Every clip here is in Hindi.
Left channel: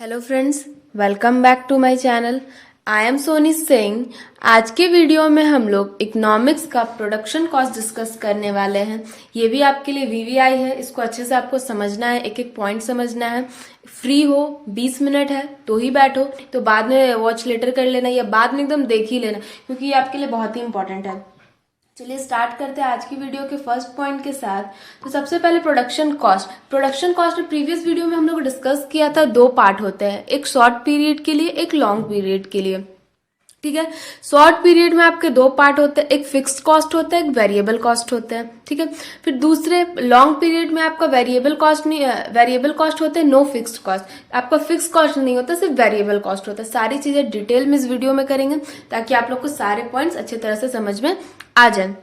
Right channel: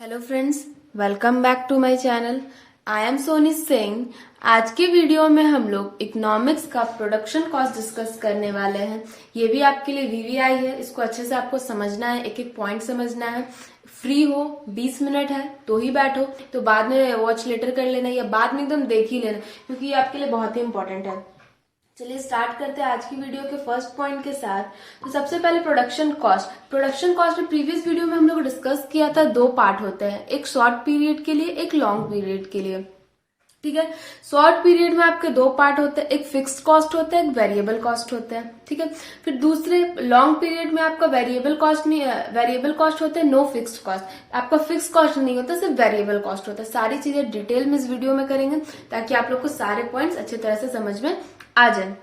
Hello friends, welcome back to my channel. I am Soni Singh. आज के वीडियो में हम लोग इकोनॉमिक्स का प्रोडक्शन कॉस्ट डिस्कस करने वाले हैं। ये भी आपके लिए वीवीआई है, इसको अच्छे से आपको समझना है, एक एक पॉइंट समझना है। फ्री हो, 20 मिनट है तो ही बैठो, तो बाद में वॉच लेटर कर लेना या बाद में एकदम देख ही लेना, क्योंकि ये आपके लिए बहुत ही इंपॉर्टेंट है। चलिए स्टार्ट करते हैं आज की वीडियो के फर्स्ट पॉइंट के साथ। तो सबसे पहले प्रोडक्शन कॉस्ट। प्रोडक्शन कॉस्ट में प्रीवियस वीडियो में हम लोग डिस्कस किया था, दो पार्ट होते हैं, एक शॉर्ट पीरियड के लिए, एक लॉन्ग पीरियड के लिए। ठीक है, शॉर्ट पीरियड में आपके दो पार्ट होते हैं, एक फिक्स्ड कॉस्ट होता है, एक वेरिएबल कॉस्ट होता है। ठीक है, फिर दूसरे लॉन्ग पीरियड में आपका वेरिएबल कॉस्ट नहीं, वेरिएबल कॉस्ट होते हैं, नो फिक्स्ड कॉस्ट। आपका फिक्स कॉस्ट नहीं होता, सिर्फ वेरिएबल कॉस्ट होता है। सारी चीजें डिटेल में इस वीडियो में करेंगे ताकि आप लोग को सारे पॉइंट्स अच्छी तरह से समझ में आ जाए।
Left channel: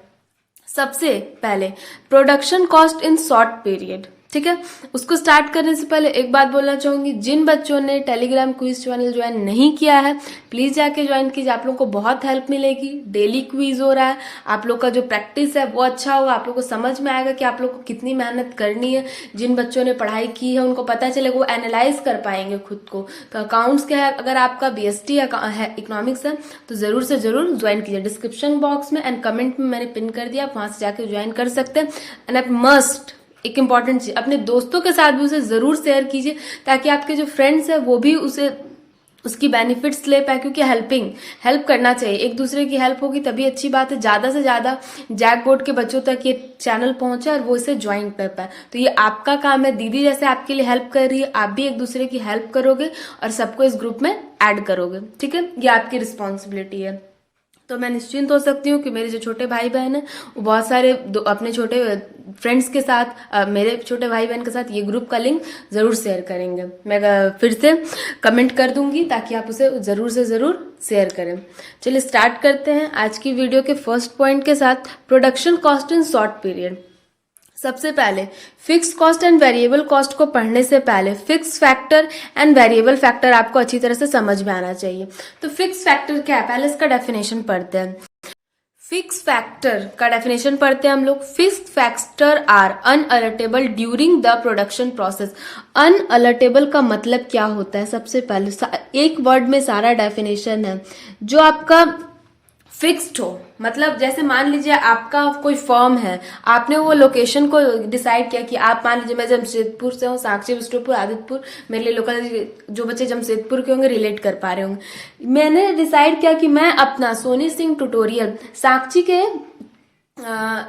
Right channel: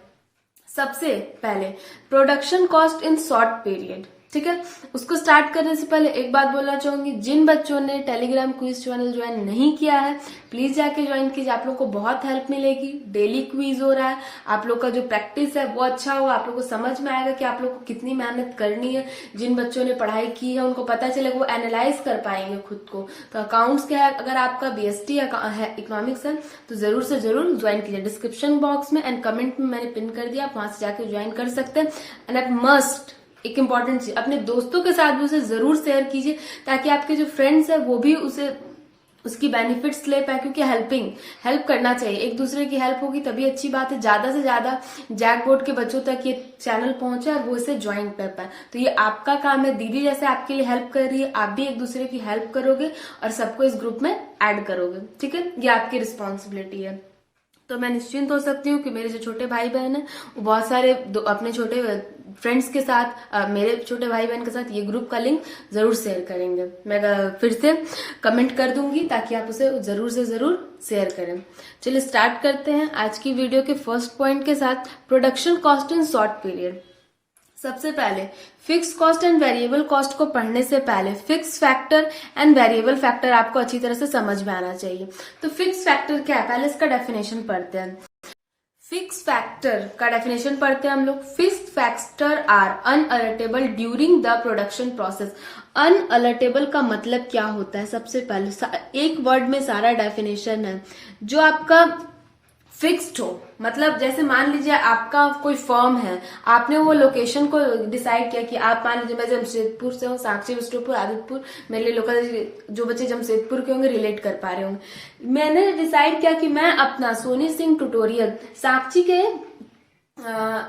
सबसे पहले production cost in short period. ठीक है, उसको स्टार्ट करने से पहले एक बात बोलना चाहूंगी, जिन बच्चों ने टेलीग्राम क्विज चैनल ज्वाइन नहीं किया है प्लीज जाके ज्वाइन कीजिए, आप लोग को बहुत हेल्प मिलेगी। डेली क्विज हो रहा है, आप लोग का जो प्रैक्टिस है वो अच्छा होगा, आप लोग को समझ में आएगा कि आप लोग को कितनी मेहनत करनी है। जिन बच्चों ने पढ़ाई की है उनको पता चलेगा, वो एनालाइज कर पाएंगे खुद को। तो अकाउंट्स क्या है, अगर आपका बीएसटी है, इकोनॉमिक्स है, तो जरूर से जरूर ज्वाइन कीजिए। डिस्क्रिप्शन बॉक्स में एंड कमेंट में मैंने पिन कर दिया, आप वहां से जाके ज्वाइन कर सकते हैं। एंड आप मस्ट, एक इंपॉर्टेंट चीज, अपने दोस्तों के साथ भी उसे जरूर शेयर कीजिए ताकि आपके जो फ्रेंड्स है वो भी उसकी बेनिफिट्स ले पाए, क्योंकि हेल्प करना चाहिए, एक दूसरे की हेल्प होगी तभी अच्छी बात है। ज्यादा से ज्यादा जैक बोर्ड के बच्चों तक ये चैनल पहुंचे और वो इसे ज्वाइन कर पाए। तो ये आपका काम है, दीदी जैसे आपके लिए हेल्प कर रही है, आप भी एक दूसरे की हेल्प करोगे और सबको इस ग्रुप में ऐड करोगे। ठीक है, ये आपकी रिस्पॉन्सिबिलिटी है। तो मैं निश्चिंत हो सकती हूँ कि मेरे जो छोटे भाई बहन है वो बहुत सारे अपने छोटे फ्रेंड्स के साथ, मेरे छोटे भाई बहन के साथ ये ग्रुप का लिंक जरूर शेयर करेंगे। मैं फिर से कमेंट कर दूंगी ताकि आप उसे जरूर से जरूर शेयर करें। चलिए स्टार्ट करते हैं आज की वीडियो के फर्स्ट पॉइंट के साथ, production cost in short period. सबसे पहले fix cost and variable cost को पढ़ने से पहले fix factor and variable factor आपको अच्छी तरह से समझ में आना चाहिए। तो फिक्स फैक्टर क्या है, पहले इसका डेफिनेशन पढ़ते हैं। फिक्स फैक्टर का डेफिनेशन पढ़ते हैं हम लोग। Fix factor are unalterable during the production process. Unalterable का मतलब क्या होता है, सबसे पहले एक वर्ड में सारा डेफिनेशन है। जो आपका फिक्स्ड हो, मतलब जैसे मान लीजिए आपका कोई फॉर्म है, आपने वो लोकेशन को डिसाइड किया कि आप, मान लीजिए मैं जमशेदपुर से हूँ, साक्षी बिस्टोपुर आदित्यपुर, मेरे लिए लोकल जो बच्चे जमशेदपुर के होंगे रिलेट कर पा रहे होंगे। मैंने डिसाइड किया कि मैं अपना सोनी सिंह ट्यूटोरियल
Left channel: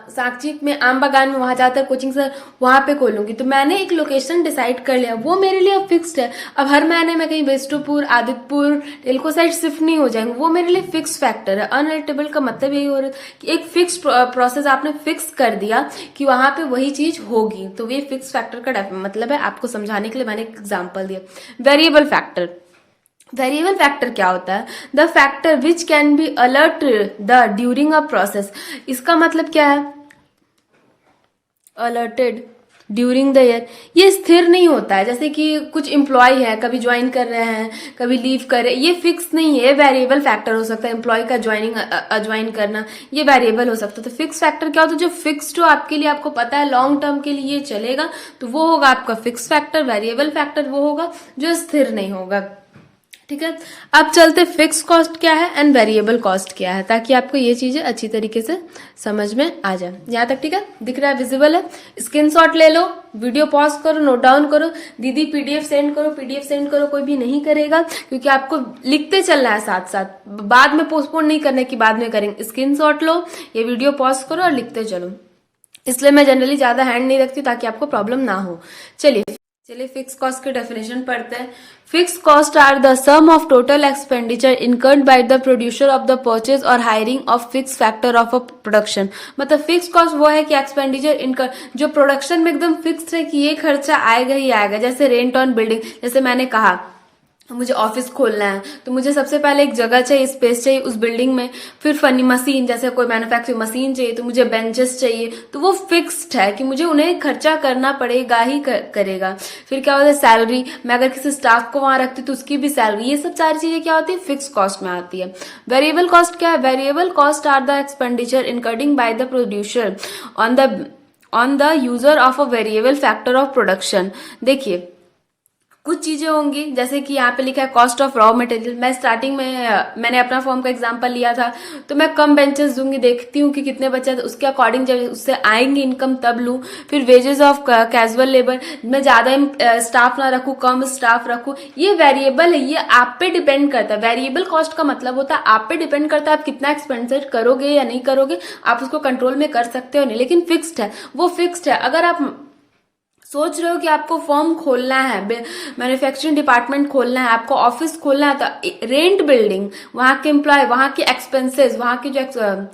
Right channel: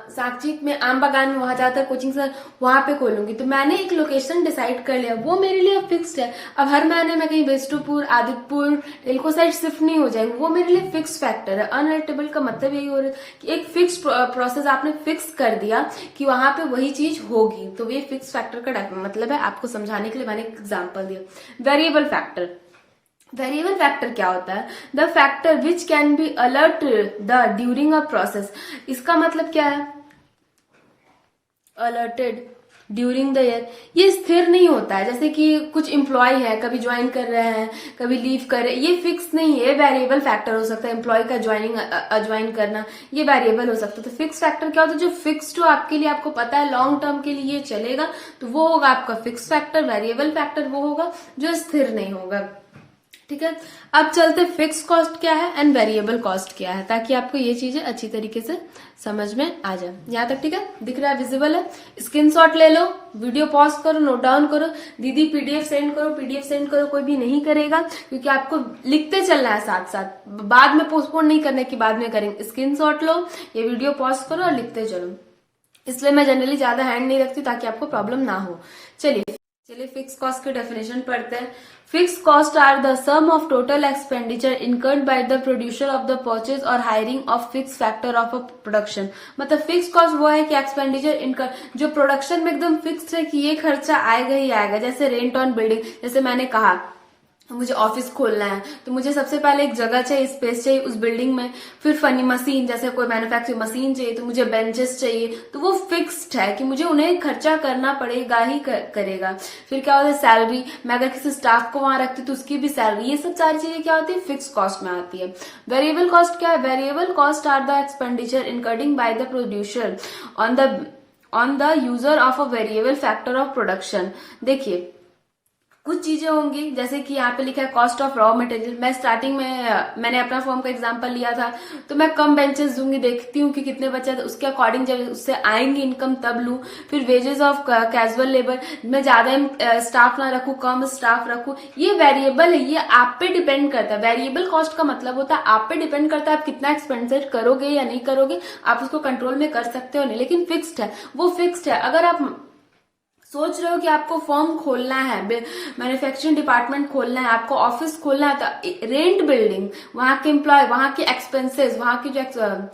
साक्षी में आम बागान में वहां जाकर कोचिंग सर वहां पे खोलूंगी। तो मैंने एक लोकेशन डिसाइड कर लिया, वो मेरे लिए अब फिक्स्ड है। अब हर महीने में कहीं बिस्टोपुर, आदित्यपुर, टेल्को साइड शिफ्ट नहीं हो जाएंगे, वो मेरे लिए फिक्स फैक्टर है। अनअल्टेबल का मतलब यही हो रहा है कि एक फिक्स प्रोसेस आपने फिक्स कर दिया कि वहां पे वही चीज होगी, तो ये फिक्स फैक्टर का मतलब है। आपको समझाने के लिए मैंने एक एग्जाम्पल दिया। वेरिएबल फैक्टर, वेरिएबल फैक्टर क्या होता है, the factor which can be alert the during a process. इसका मतलब क्या है, अलर्टेड ड्यूरिंग द ईयर। ये स्थिर नहीं होता है, जैसे कि कुछ एम्प्लॉय है, कभी ज्वाइन कर रहे हैं, कभी लीव कर रहे हैं, ये फिक्स नहीं है। वेरिएबल फैक्टर हो सकता है, एम्प्लॉय का ज्वाइनिंग अज्वाइन करना, ये वेरिएबल हो सकता है। तो फिक्स फैक्टर क्या होता है, जो फिक्स्ड हो, आपके लिए, आपको पता है लॉन्ग टर्म के लिए ये चलेगा, तो वो होगा आपका फिक्स फैक्टर। वेरिएबल फैक्टर वो होगा जो स्थिर नहीं होगा। ठीक है, अब चलते फिक्स कॉस्ट क्या है एंड वेरिएबल कॉस्ट क्या है, ताकि आपको ये चीजें अच्छी तरीके से समझ में आ जाए। यहां तक ठीक है, दिख रहा है, विजिबल है। स्क्रीनशॉट ले लो, वीडियो पॉज करो, नोट डाउन करो। दीदी पीडीएफ सेंड करो, पीडीएफ सेंड करो, कोई भी नहीं करेगा, क्योंकि आपको लिखते चलना है साथ साथ, बाद में पोस्टपोन नहीं करने की, बाद में करेंगे। स्क्रीनशॉट लो, ये वीडियो पॉज करो और लिखते चलो। इसलिए मैं जनरली ज्यादा हैंड नहीं रखती ताकि आपको प्रॉब्लम ना हो। चलिए फिक्स कॉस्ट के डेफिनेशन पढ़ते हैं। Fix cost are the sum of total expenditure incurred by the producer of the purchase और hiring of fix factor of a production. मतलब फिक्स कॉस्ट वो है कि एक्सपेंडिचर इनकर्ड जो प्रोडक्शन में एकदम फिक्स है कि ये खर्चा आएगा ही आएगा। जैसे रेंट ऑन बिल्डिंग, जैसे मैंने कहा मुझे ऑफिस खोलना है, तो मुझे सबसे पहले एक जगह चाहिए, स्पेस चाहिए उस बिल्डिंग में। फिर फनी मशीन, जैसे कोई मैन्युफैक्चरिंग मशीन चाहिए, तो मुझे बेंचेस चाहिए, तो वो फिक्स्ड है कि मुझे उन्हें खर्चा करना पड़ेगा ही करेगा। फिर क्या होता है, सैलरी, मैं अगर किसी स्टाफ को वहां रखती तो उसकी भी सैलरी, ये सब सारी चीजें क्या होती है, फिक्स कॉस्ट में आती है। वेरिएबल कॉस्ट क्या है, variable cost are the expenditure incurring by the producer on the user of a variable factor of production. देखिए कुछ चीजें होंगी जैसे कि यहाँ पे लिखा है कॉस्ट ऑफ रॉ मटेरियल। मैं स्टार्टिंग में मैंने अपना फॉर्म का एग्जांपल लिया था, तो मैं कम बेंचेस दूंगी, देखती हूँ कि कितने बचे, उसके अकॉर्डिंग जब उससे आएंगी इनकम तब लूँ। फिर वेजेस ऑफ कैजुअल लेबर, मैं ज्यादा स्टाफ ना रखूँ, कम स्टाफ रखूँ, ये वेरिएबल है, ये आप पे डिपेंड करता है। वेरिएबल कॉस्ट का मतलब होता है आप पे डिपेंड करता है आप कितना एक्सपेंडिचर करोगे या नहीं करोगे, आप उसको कंट्रोल में कर सकते हो नहीं, लेकिन फिक्स्ड है, वो फिक्स्ड है। अगर आप सोच रहे हो कि आपको फर्म खोलना है, मैन्युफैक्चरिंग डिपार्टमेंट खोलना है, आपको ऑफिस खोलना है, तो रेंट बिल्डिंग, वहां के एम्प्लॉय, वहां के एक्सपेंसेस, वहां के जो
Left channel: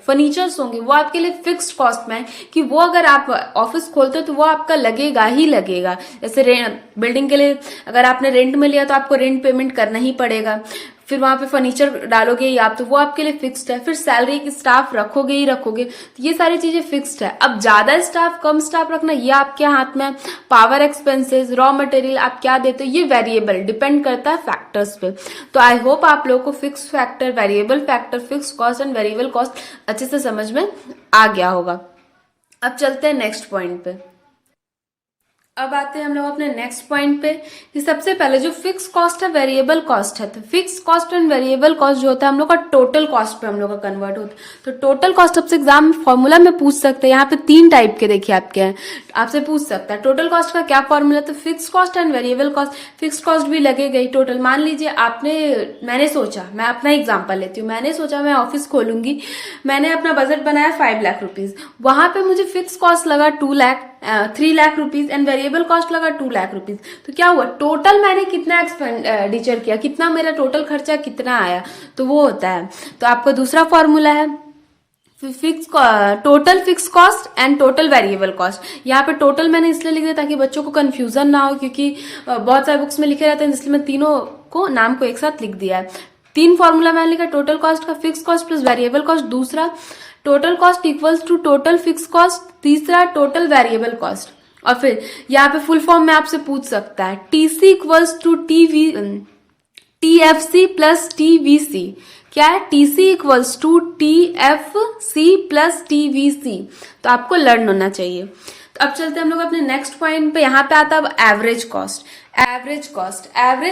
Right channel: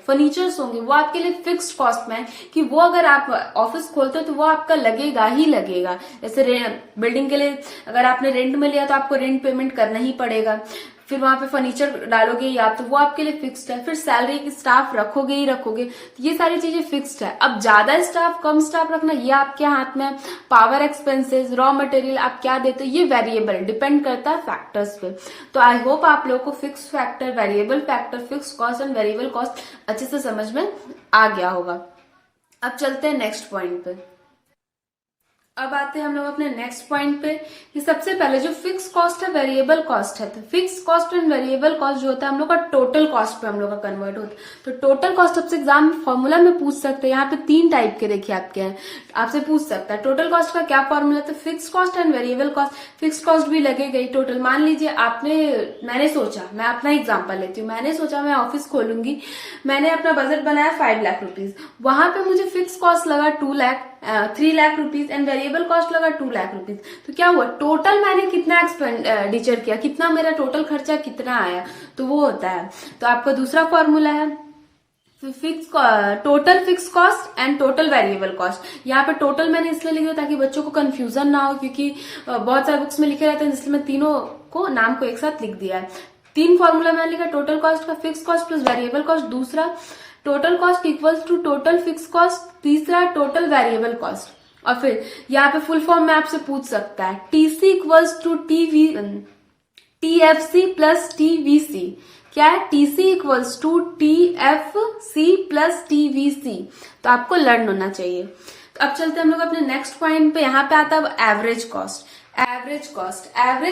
फर्नीचर्स होंगे वो आपके लिए फिक्स्ड कॉस्ट में है कि वो अगर आप ऑफिस खोलते हो तो वो आपका लगेगा ही लगेगा। जैसे बिल्डिंग के लिए अगर आपने रेंट में लिया तो आपको रेंट पेमेंट करना ही पड़ेगा, फिर वहां पे फर्नीचर डालोगे ही आप, तो वो आपके लिए फिक्स्ड है। फिर सैलरी की स्टाफ रखोगे ही रखोगे, तो ये सारी चीजें फिक्स्ड है। अब ज्यादा स्टाफ कम स्टाफ रखना ये आपके हाथ में है। पावर एक्सपेंसेस, रॉ मटेरियल आप क्या देते हो, ये वेरिएबल डिपेंड करता है फैक्टर्स पे। तो आई होप आप लोगों को fix factor, variable factor, fix cost and variable cost अच्छे से समझ में आ गया होगा। अब चलते हैं नेक्स्ट पॉइंट पे। अब आते हैं हम लोग अपने नेक्स्ट पॉइंट पे कि सबसे पहले जो फिक्स कॉस्ट है, वेरिएबल कॉस्ट है, तो fix cost and variable cost जो होता है हम लोग का टोटल कॉस्ट पे हम लोग का कन्वर्ट होता है। तो टोटल कॉस्ट सबसे एग्जाम फॉर्मूला में पूछ सकते हैं, यहाँ पे 3 टाइप के देखिए आपके हैं, आपसे पूछ सकता है टोटल कॉस्ट का क्या फॉर्मूला। तो fix cost and variable cost, fix cost भी लगेगा ही टोटल। मान लीजिए मैंने सोचा, मैं अपना एग्जाम्पल लेती हूँ, मैंने सोचा मैं ऑफिस खोलूंगी, मैंने अपना बजट बनाया 5 लाख रुपीज, वहां पे मुझे फिक्स कॉस्ट लगा 3 lakh rupees and variable cost लगा 2 लाख रुपीज। तो क्या हुआ, टोटल मैंने कितना एक्सपेंडिचर किया, कितना मेरा टोटल खर्चा कितना आया, तो वो होता है। तो आपका दूसरा फॉर्मूला है total fix cost and total variable cost. यहाँ पे टोटल मैंने इसलिए लिखा ताकि बच्चों को कंफ्यूजन ना हो, क्योंकि बहुत सारे बुक्स में लिखे रहते हैं, इसलिए मैं तीनों को नाम को एक साथ लिख दिया है। 3 फॉर्मूला मैंने लिखा, टोटल कॉस्ट का, fix cost plus variable cost, दूसरा total cost equals to total fix cost, तीसरा टोटल वेरिएबल कॉस्ट। और फिर यहाँ पे फुल फॉर्म में आपसे पूछ सकता है TC equals to TFC plus TVC. क्या है, TC equals to TFC plus TVC. तो आपको लर्न होना चाहिए। तो अब चलते हैं हम लोग अपने नेक्स्ट पॉइंट पे। यहाँ पे आता है एवरेज कॉस्ट। एवरेज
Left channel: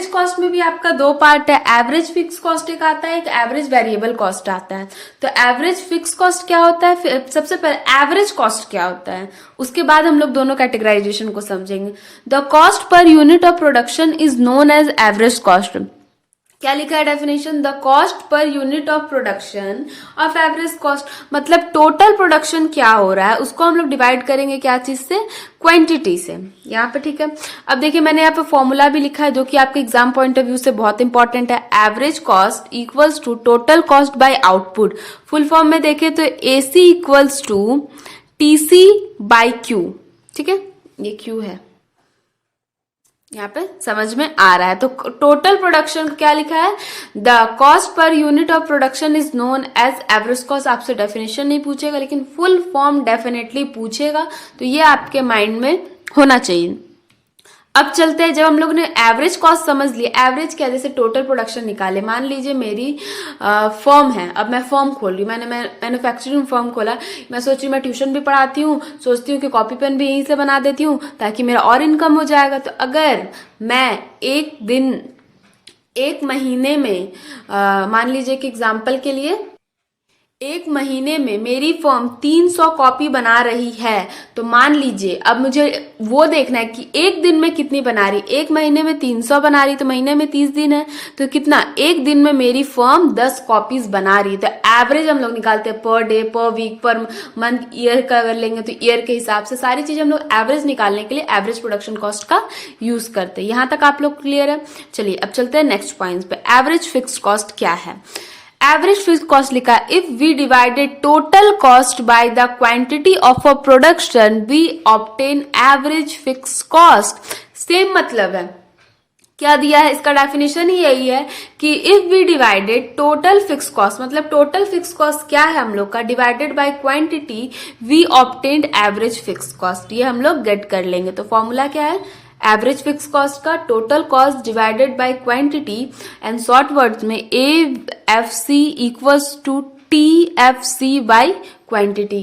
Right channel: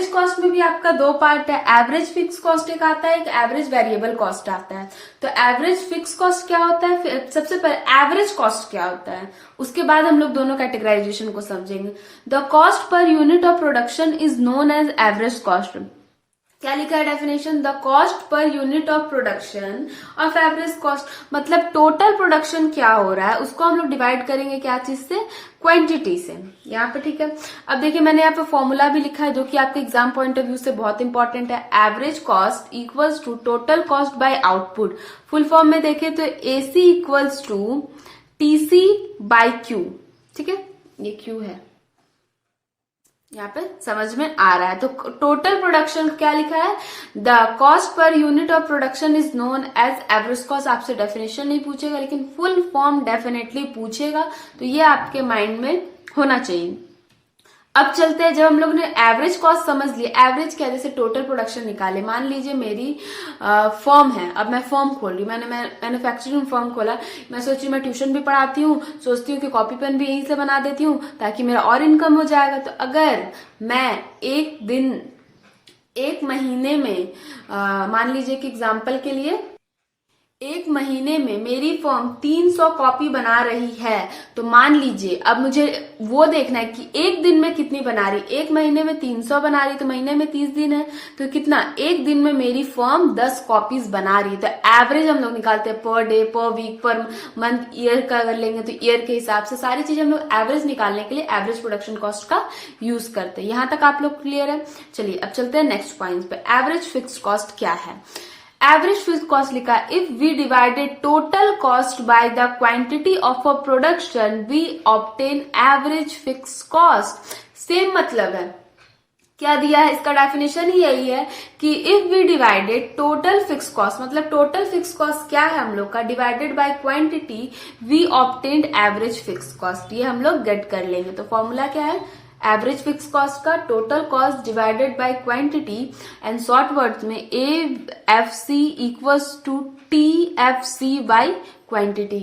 कॉस्ट में भी आपका 2 पार्ट है, एवरेज फिक्स कॉस्ट एक आता है, एक एवरेज वेरिएबल कॉस्ट आता है। तो एवरेज फिक्स कॉस्ट क्या होता है, सबसे पहले एवरेज कॉस्ट क्या होता है, उसके बाद हम लोग दोनों कैटेगराइजेशन को समझेंगे। The cost per unit of production is known as average cost. क्या लिखा है definition, the cost per unit of production of average cost, मतलब टोटल प्रोडक्शन क्या हो रहा है उसको हम लोग डिवाइड करेंगे क्या चीज से, क्वांटिटी से। यहाँ पे ठीक है। अब देखिए मैंने यहाँ पे फॉर्मूला भी लिखा है जो कि आपके एग्जाम पॉइंट ऑफ व्यू से बहुत इंपॉर्टेंट है। Average cost equals to total cost by output. Full form में देखें तो AC equals to TC by Q. ठीक है, ये क्यू है, यहाँ पे समझ में आ रहा है। तो टोटल प्रोडक्शन क्या लिखा है, the cost per unit of production is known as average cost. आपसे डेफिनेशन नहीं पूछेगा लेकिन फुल फॉर्म डेफिनेटली पूछेगा, तो ये आपके माइंड में होना चाहिए। अब चलते हैं, जब हम लोग ने एवरेज कॉस्ट समझ लिया, एवरेज क्या, जैसे टोटल प्रोडक्शन निकाले। मान लीजिए मेरी फर्म है, अब मैं फर्म खोल रही हूँ, मैंने मैन्युफैक्चरिंग फर्म खोला, मैं सोच रही मैं ट्यूशन भी पढ़ाती हूँ, सोचती हूँ कि कॉपी पेन भी यहीं से बना देती हूँ ताकि मेरा और इनकम हो जाएगा। तो अगर मैं एक महीने में मान लीजिए कि एग्जाम्पल के लिए 1 महीने में मेरी फर्म 300 कॉपी बना रही है, तो मान लीजिए अब मुझे वो देखना है कि एक दिन में कितनी बना रही। 1 महीने में 300 बना रही, तो महीने में 30 दिन है, तो कितना, एक दिन में मेरी फर्म 10 कॉपीज बना रही है। तो एवरेज हम लोग निकालते हैं पर डे, पर वीक, पर मंथ, ईयर का अगर लेंगे तो ईयर के हिसाब से सारी चीजें हम लोग एवरेज निकालने के लिए एवरेज प्रोडक्शन कॉस्ट का यूज करते हैं। यहां तक आप लोग क्लियर है। चलिए अब चलते हैं नेक्स्ट पॉइंट पे। एवरेज फिक्स कॉस्ट क्या है, एवरेज फिक्स कॉस्ट लिखा है, if we divided total cost by the quantity of a production we obtain average fix cost. Same मतलब है, क्या दिया है, इसका डेफिनेशन ही यही है कि if we divided total fix cost, मतलब टोटल फिक्स कॉस्ट क्या है हम लोग का, divided by quantity we obtained average fix cost. ये हम लोग गेट कर लेंगे। तो फॉर्मूला क्या है, एवरेज फिक्स कॉस्ट का total cost divided by quantity, and short words में AFC equals to TFC by quantity.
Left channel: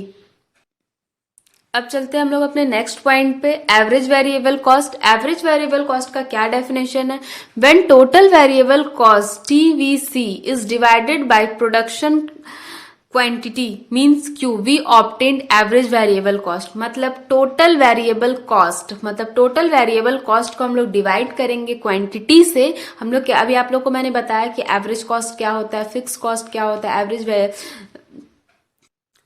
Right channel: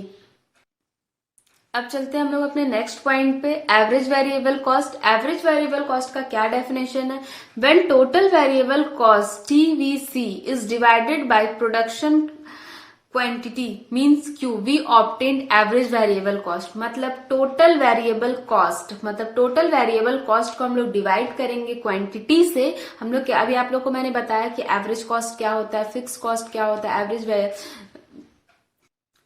अब चलते हैं हम लोग अपने नेक्स्ट पॉइंट पे, average variable cost. Average variable cost का क्या डेफिनेशन है? When total variable cost TVC is divided by production quantity means Q, we obtained average variable cost. मतलब टोटल वेरिएबल कॉस्ट, मतलब टोटल वेरिएबल कॉस्ट को हम लोग डिवाइड करेंगे क्वांटिटी से। हम लोग क्या, अभी आप लोग को मैंने बताया कि एवरेज कॉस्ट क्या होता है, फिक्स कॉस्ट क्या होता है, एवरेज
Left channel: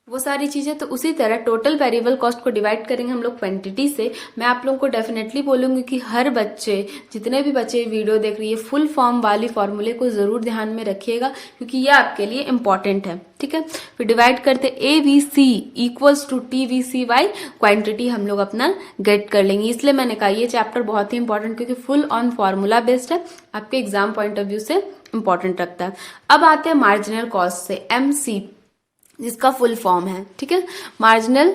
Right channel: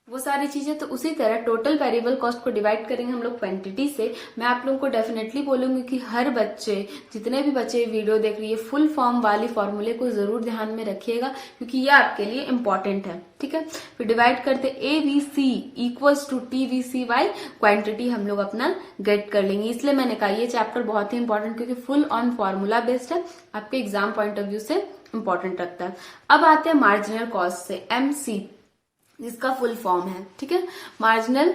वो सारी चीजें। तो उसी तरह टोटल वेरिएबल कॉस्ट को डिवाइड करेंगे हम लोग क्वांटिटी से। मैं आप लोगों को डेफिनेटली बोलूंगी कि हर बच्चे, जितने भी बच्चे वीडियो देख रही है, फुल फॉर्म वाली फॉर्मूले को जरूर ध्यान में रखिएगा, क्योंकि ये आपके लिए इंपॉर्टेंट है। ठीक है, फिर डिवाइड करते A V C equals to T V C by, quantity हम लोग अपना गेट कर लेंगे। इसलिए मैंने कहा ये चैप्टर बहुत ही इंपॉर्टेंट, क्योंकि फुल ऑन फॉर्मूला बेस्ड है, आपके एग्जाम पॉइंट ऑफ व्यू से इंपॉर्टेंट रखता है। अब आते हैं मार्जिनल कॉस्ट से, एमसी जिसका फुल फॉर्म है। ठीक है, मार्जिनल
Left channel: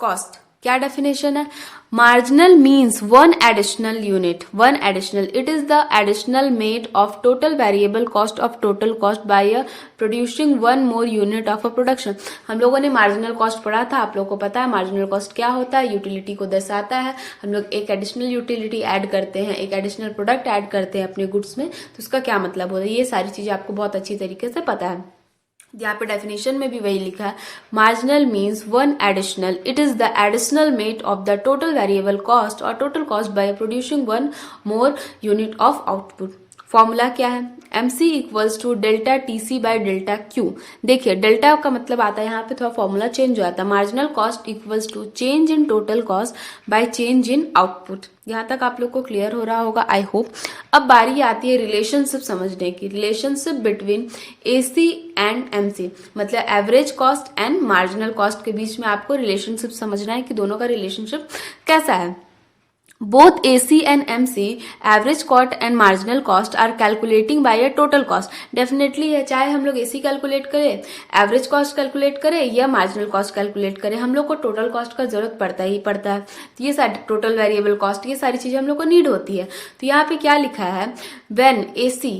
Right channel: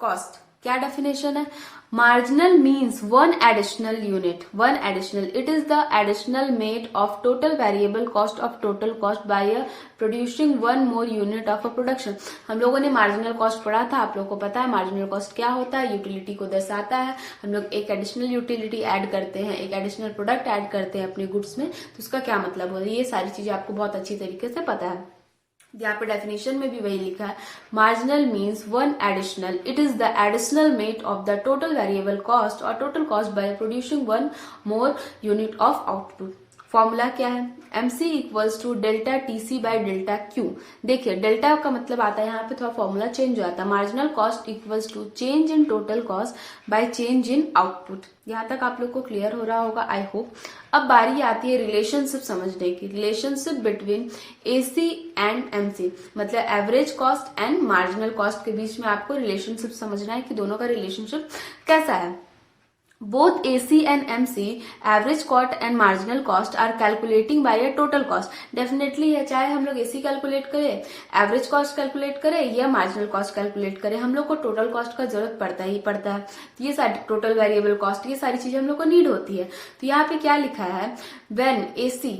कॉस्ट क्या डेफिनेशन है? Marginal means one additional unit, one additional, it is the additional made of total variable cost of total cost by producing one more unit of a production. हम लोगों ने मार्जिनल कॉस्ट पढ़ा था, आप लोगों को पता है मार्जिनल कॉस्ट क्या होता है, यूटिलिटी को दर्शाता है। हम लोग एक एडिशनल यूटिलिटी ऐड करते हैं, एक एडिशनल प्रोडक्ट ऐड करते हैं अपने गुड्स में, तो उसका क्या मतलब होता है, ये सारी चीजें आपको बहुत अच्छी तरीके से पता है। यहाँ पे डेफिनेशन में भी वही लिखा है, marginal means one additional, it is the additional made of the total variable cost और total cost by producing one more unit of output. Formula क्या है? MC equals to delta TC by delta Q. देखिए डेल्टा का मतलब आता है, यहाँ पे थोड़ा फॉर्मूला चेंज हो जाता है, marginal cost equals to change in total cost by change in output. यहाँ तक आप लोग को क्लियर हो रहा होगा, आई होप। अब बारी आती है रिलेशनशिप समझने की, relationship between AC and MC, मतलब average cost and marginal cost के बीच में आपको रिलेशनशिप समझना है कि दोनों का रिलेशनशिप कैसा है। Both AC and MC, average cost and marginal cost are calculating by a total cost. Definitely है, चाहे हम लोग AC कैलकुलेट करें, एवरेज कॉस्ट कैलकुलेट करें या मार्जिनल कॉस्ट कैलकुलेट करें, हम लोग को टोटल कॉस्ट का जरूरत पड़ता ही पड़ता है। तो ये सारी टोटल वेरिएबल कॉस्ट, ये सारी चीजें हम लोग को नीड होती है। तो यहाँ पे क्या लिखा है, व्हेन AC,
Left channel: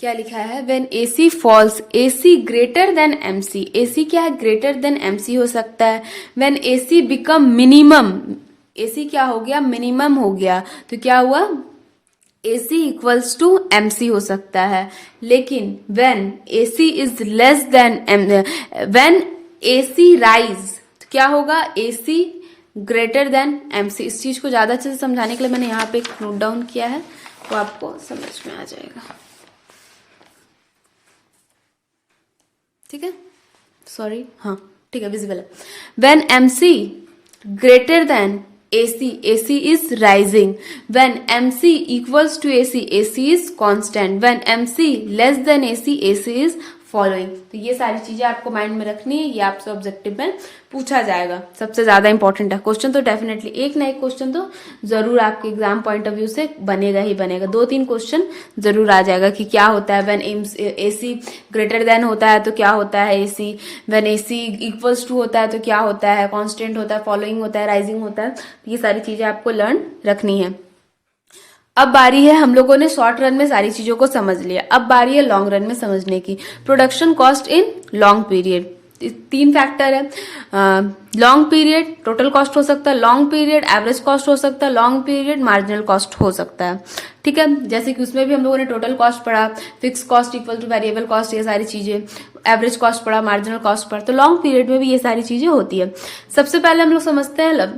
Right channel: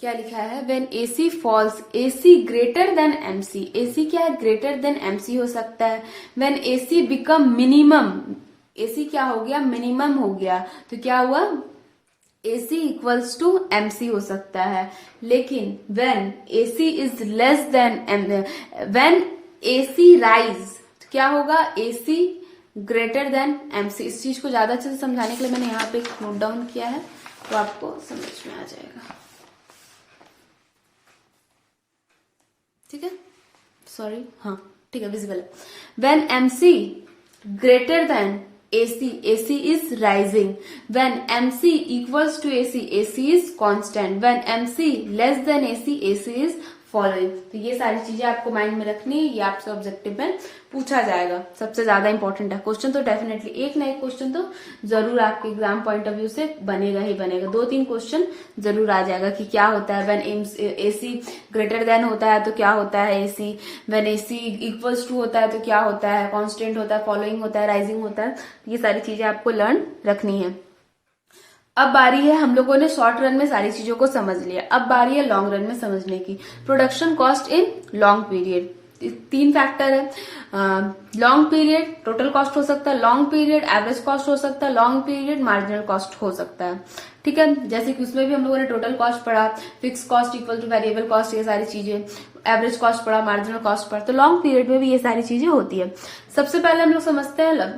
क्या लिखा है, when AC falls, AC greater than MC, AC क्या है, ग्रेटर देन MC हो सकता है। When AC become minimum, AC क्या हो गया, मिनिमम हो गया, तो क्या हुआ, AC इक्वल्स टू MC हो सकता है। लेकिन when AC is less then when AC rise, तो क्या होगा, AC ग्रेटर देन MC। इस चीज को ज्यादा अच्छे से समझाने के लिए मैंने यहाँ पे एक नोट डाउन किया है, तो आपको समझ में आ जाएगा। ठीक है, सॉरी, हाँ ठीक है, विजिबल है। When MC greater than AC, AC is rising. When MC equals to AC, AC is constant. When MC less than AC, AC is following. तो ये सारी चीजें आपको माइंड में रखनी है, ये आपसे ऑब्जेक्टिव में पूछा जाएगा, सबसे ज्यादा इंपॉर्टेंट है। क्वेश्चन तो डेफिनेटली एक ना एक क्वेश्चन तो जरूर आपके एग्जाम पॉइंट ऑफ व्यू से बनेगा ही बनेगा, 2-3 क्वेश्चन जरूर आ जाएगा कि क्या होता है व्हेन AC ग्रेटर देन होता है तो क्या होता है AC, when AC equals to होता है तो क्या होता है, कांस्टेंट होता है, फॉलोइंग होता है, राइजिंग होता है। ये सारी चीजें आपको लर्न रखनी है। अब बारी है, हम लोगों ने शॉर्ट रन में सारी चीजों को समझ लिया, अब बारी है लॉन्ग रन में समझने की। Production cost in long period, 3 factor है, लॉन्ग पीरियड टोटल कॉस्ट हो सकता है, लॉन्ग पीरियड एवरेज कॉस्ट हो सकता है, लॉन्ग पीरियड मार्जिनल कॉस्ट हो सकता है। ठीक है, जैसे कि उसमें भी हम लोगों ने टोटल कॉस्ट पढ़ा, fix cost equal two variable cost, ये सारी चीजें, एवरेज कॉस्ट पढ़ा, मार्जिनल कॉस्ट पढ़ा, तो लॉन्ग पीरियड में भी ये सारी चीजें होती है। सबसे पहले हम लोग समझते हैं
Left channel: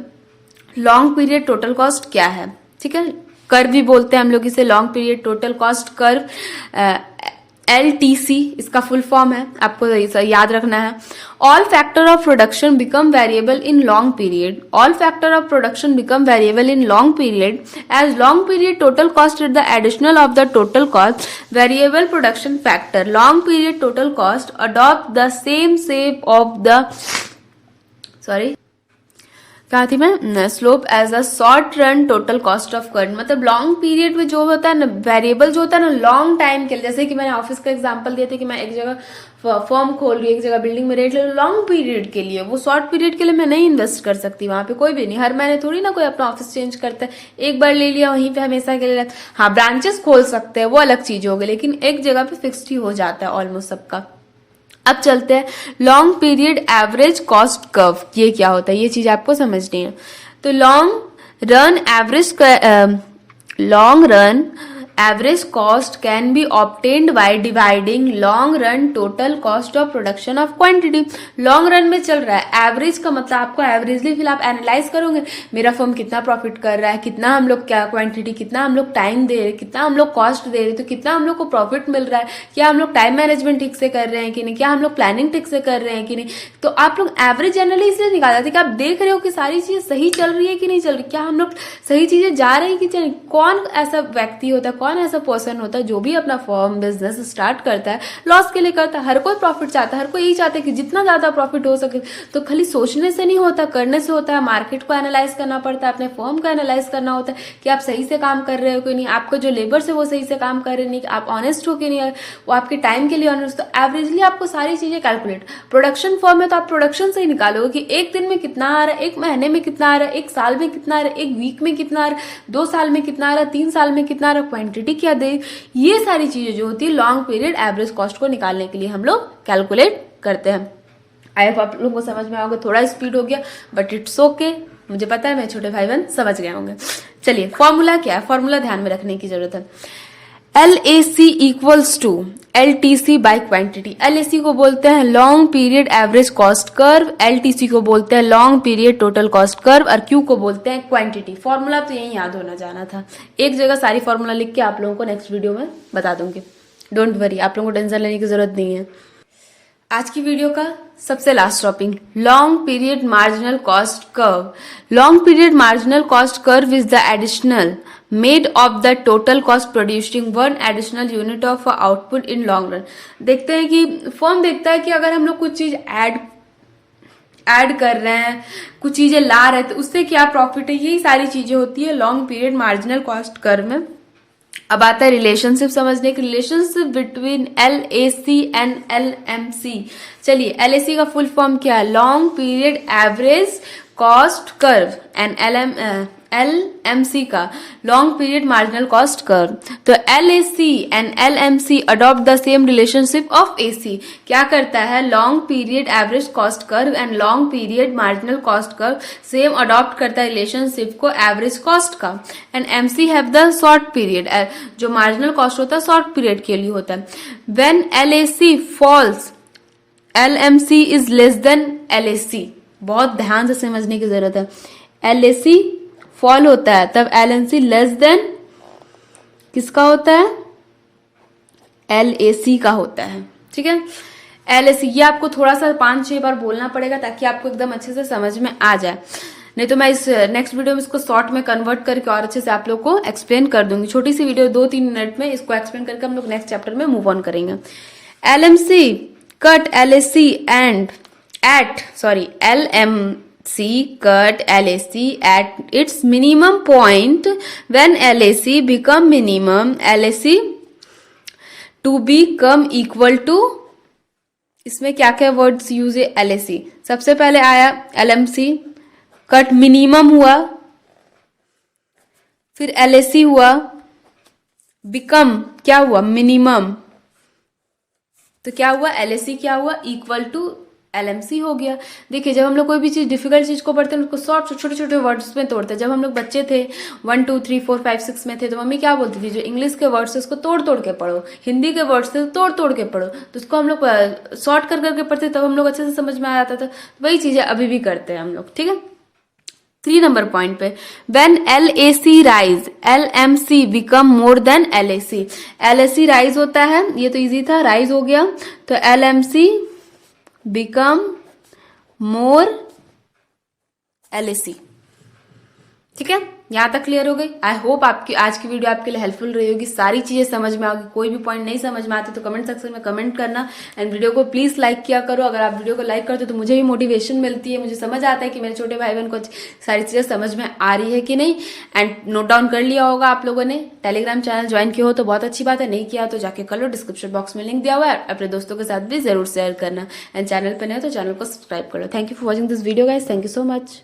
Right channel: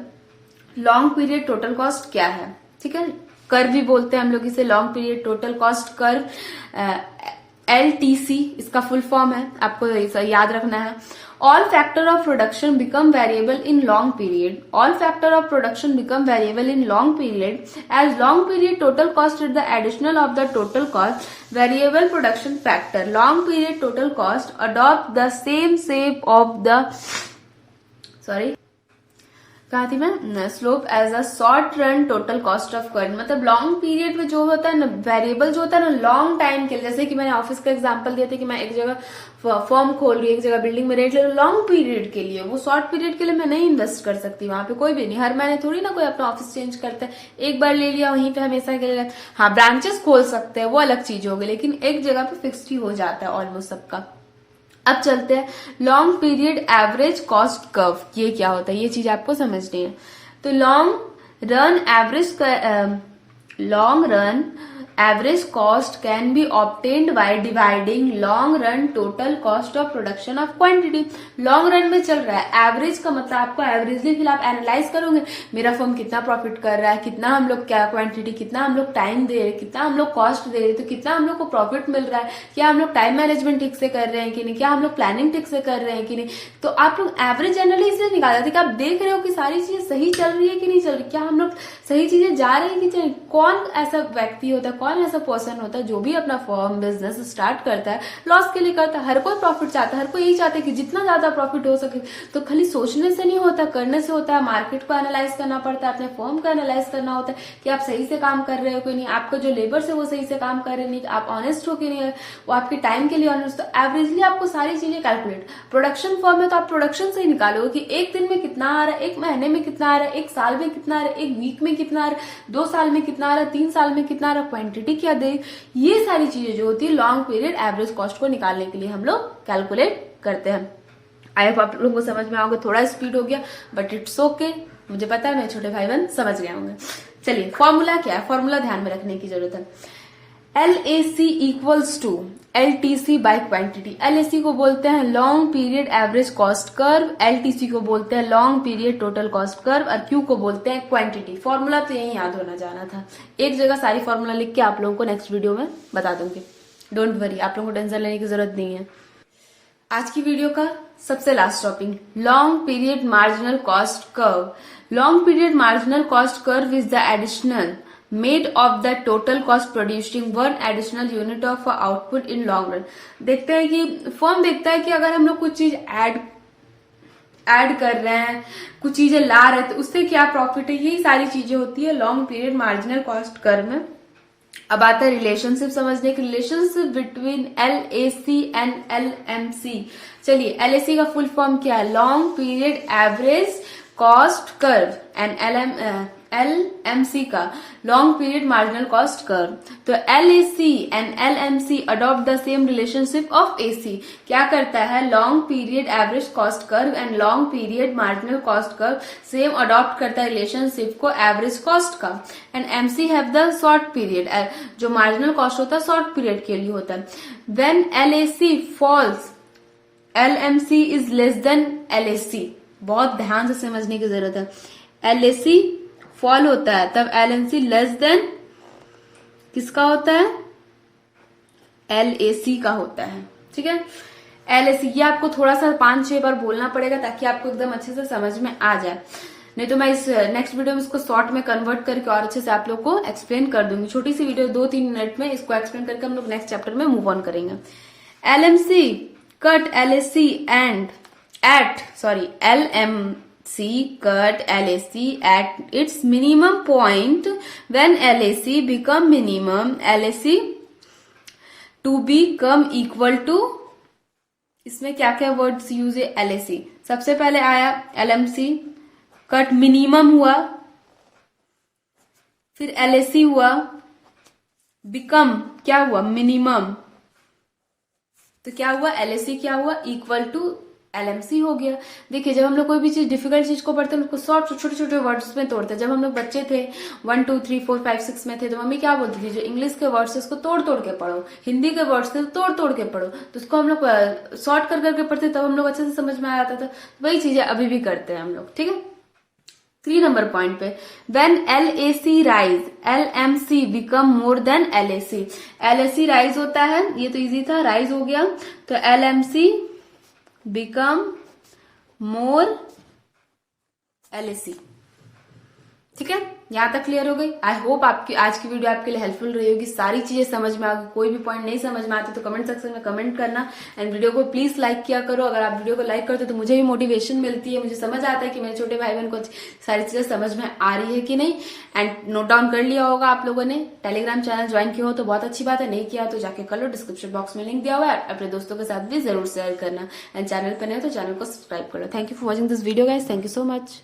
लॉन्ग पीरियड टोटल कॉस्ट क्या है। ठीक है, कर्व भी बोलते हैं हम लोग इसे, long period total cost curve, LTC इसका फुल फॉर्म है, आपको याद रखना है। All factor of production become variable in long period, all factor of production become variable in long period as long period total cost is the additional of the total cost variable production factor. Long period total cost adopt the same shape of the, sorry कहा थी मैं, slope as a short run total cost of curve. मतलब लॉन्ग पीरियड में जो होता है ना, वेरिएबल जो होता है ना लॉन्ग टाइम के लिए, जैसे कि मैंने ऑफिस का एग्जांपल दिया था कि मैं एक जगह फर्म खोल रही हूँ, एक जगह बिल्डिंग में रेंट ले रही हूँ लॉन्ग पीरियड के लिए, वो शॉर्ट पीरियड के लिए मैं नहीं इन्वेस्ट कर सकती वहां पे, कोई भी नहीं। हर महीने थोड़ी ना कोई अपना ऑफिस चेंज करता है, एक बार ले लिया वहीं पे हमेशा के लिए। हाँ, ब्रांचेस खोल सकते हैं, वो अलग चीज होगी, लेकिन एक जगह पे फिक्स्ड ही हो जाता है ऑलमोस्ट सबका। अब चलते हैं long period average cost curve. ये क्या होता है, ये चीज आपको समझनी है। तो long run average cost can be obtained by dividing long run total cost of production of quantity. Long run में चल रहा है, एवरेज का मतलब आपको एवरेजली फिर आप एनालाइज करोगे मेरा फर्म कितना प्रॉफिट कर रहा है, कितना हम लोग क्या क्वांटिटी, कितना हम लोग टाइम दे रहे, कितना हम लोग कॉस्ट दे रहे, तो कितना हम लोग को प्रॉफिट मिल रहा है, क्या हम लोग टाइम मैनेजमेंट ठीक से कर रहे हैं कि नहीं, क्या हम लोग प्लानिंग ठीक से कर रहे हैं कि नहीं। तो आप लोग एवरेज एनालिसिस से निकाल जाते कि आप देख रहे हो कि सारी चीजें सही चल रही है कि नहीं चल रही, क्या हम लोग सही चीजें जा रही है कि चल। कौन ऐसा व्यक्ति होता है, कौन ऐसा पर्सन होता है जो भी अपना फर्म बिजनेस स्टार्ट करता है लॉस के लिए करता है। हर कोई प्रॉफिट चाहता है, हर कोई यही चाहता है कि जितना ज्यादा प्रॉफिट हो सके। तो खाली सोचने से नहीं होता, करने से होता है। मार्केट को एनालाइज करना पड़ता है, अपने फर्म को एनालाइज करना होता है कि आप सही से काम कर रहे हो कि नहीं, आपको जो लेबर्स है वो सही से काम कर रहे नहीं, आप ऑनेस्ट हो कि नहीं, वो आपके टाइम के लिए ऑनेस्ट। तो एवरेजली आपको सारी चीजें कैलकुलेट, प्रोडक्शन फर्म है तो आप प्रोडक्शन से ही निकालोगे कि एक दिन में कितना आ रहा है, एक महीने में कितना आ रहा है, एक साल में कितना आ रहा है, एक वीक में कितना आ रहा है, 2 साल में कितना आ रहा है, 3 साल में कितना आ रहा है, क्वांटिटी क्या दे। ये सारी चीजें जो होती है लॉन्ग पीरियड एवरेज कॉस्ट को निकालने के लिए हम लोग कैलकुलेट करते हैं। आई होप आप लोगों को समझ में आओगे, थोड़ा स्पीड हो गया बट इट्स ओके, मुझे पता है मेरे छोटे भाई बहन समझ गए होंगे। चलिए फॉर्मूला क्या है, फॉर्मूला ध्यान में रखने की जरूरत है। LAC equals to LTC by quantity. LAC को बोलते हैं long period average cost curve, LTC को बोलते हैं long period total cost curve, और Q को बोलते हैं क्वांटिटी। फॉर्मूला तो यही याद होना जाना था। एक जगह सारी फॉर्मूला लिख के आप लोगों को नेक्स्ट वीडियो में बता दूंगी, डोंट वरी, आप लोगों को टेंशन लेने की जरूरत नहीं है। आज की वीडियो का सबसे last topic, long period marginal cost curve. Long period marginal cost curve is the additional made of the total cost producing 1 additional unit of output in long run. देखते हैं कि फर्म देखता है कि अगर हम लोग कुछ चीज ऐड कर रहे हैं, कुछ चीजें ला रहे हैं, तो उससे क्या प्रॉफिट है। यही सारी चीजें होती है long period marginal cost curve में। अब आता है रिलेशनशिप समझने की, relationship between LAC and LMC। चलिए LAC का फुल फॉर्म क्या है, long period average cost curve, and LMC का long period marginal cost curve. तो LAC and LMC adopt the same relationship of AC। क्या करता है, long period average cost curve and long period marginal cost curve same adopt करता है रिलेशनशिप को एवरेज कॉस्ट का। And MC have the short period, जो मार्जिनल कॉस्ट होता है शॉर्ट पीरियड के लिए होता है। When LAC falls LMC is less than LAC। बहुत ध्यान से समझने की जरूरत है। LAC फॉल होता है तब LMC लेस देन किसका होता है, LAC का होता है। ठीक है, LAC ये आपको थोड़ा सा 5-6 बार बोलना पड़ेगा ताकि आपको एकदम अच्छे से समझ में आ जाए, नहीं तो मैं इस नेक्स्ट वीडियो में इसको शॉर्ट में कन्वर्ट करके और अच्छे से आप लोग को एक्सप्लेन कर दूंगी। छोटी सी वीडियो 2-3 मिनट में इसको एक्सप्लेन करके हम लोग नेक्स्ट चैप्टर में मूव ऑन करेंगे। LMC cut LAC and LMC cut LAC at its minimum point when LAC become minimum, LAC to become equal to, इसमें क्या क्या वर्ड्स यूज है। LAC सबसे पहले आया, LMC कट मिनिमम हुआ, फिर LAC हुआ, बिकम क्या हुआ, मिनिमम, तो क्या हुआ, LAC क्या हुआ, इक्वल टू LMC हो गया। देखिए जब हम लोग कोई भी चीज डिफिकल्ट चीज को पढ़ते हैं उसको शॉर्ट छोटे छोटे वर्ड्स में तोड़ते हैं। जब हम लोग बच्चे थे 1 2 3 4 5 6 में थे तो मम्मी क्या बोलती थी, जो इंग्लिश के वर्ड्स है उसको तोड़ तोड़ के पढ़ो, हिंदी के वर्ड्स है तोड़ तोड़ के पढ़ो, तो उसको हम लोग शॉर्ट कर करके पढ़ते तब हम लोग अच्छे से समझ में आ जाता था। वही चीजें अभी भी करते हैं हम लोग। ठीक है, 3 नंबर पॉइंट पे, when LAC rise LMC become more than LAC। LAC rise होता है, ये तो इजी था, राइज हो गया, तो LMC become more LAC। ठीक है, यहां तक क्लियर हो गई। आई होप आपकी आज की वीडियो आपके लिए हेल्पफुल रही होगी, सारी चीजें समझ में आएगी। कोई भी पॉइंट नहीं समझ में आते तो कमेंट सेक्शन में कमेंट करना, एंड वीडियो को प्लीज लाइक किया करो। अगर आप वीडियो को लाइक करते हो तो मुझे भी मोटिवेशन मिलती है, मुझे समझ आता है कि मेरे छोटे भाई बहन को सारी चीजें समझ में आ रही है कि नहीं। एंड नोट डाउन कर लिया होगा आप लोगों ने, टेलीग्राम चैनल ज्वाइन किया हो तो बहुत अच्छी बात है, नहीं किया तो जाके कर लो, डिस्क्रिप्शन बॉक्स में लिंक दिया हुआ है। अपने दोस्तों के साथ भी जरूर शेयर करना, एंड चैनल पर नहीं तो चैनल को सब्सक्राइब करो। Thank you for watching this video guys, thank you so much.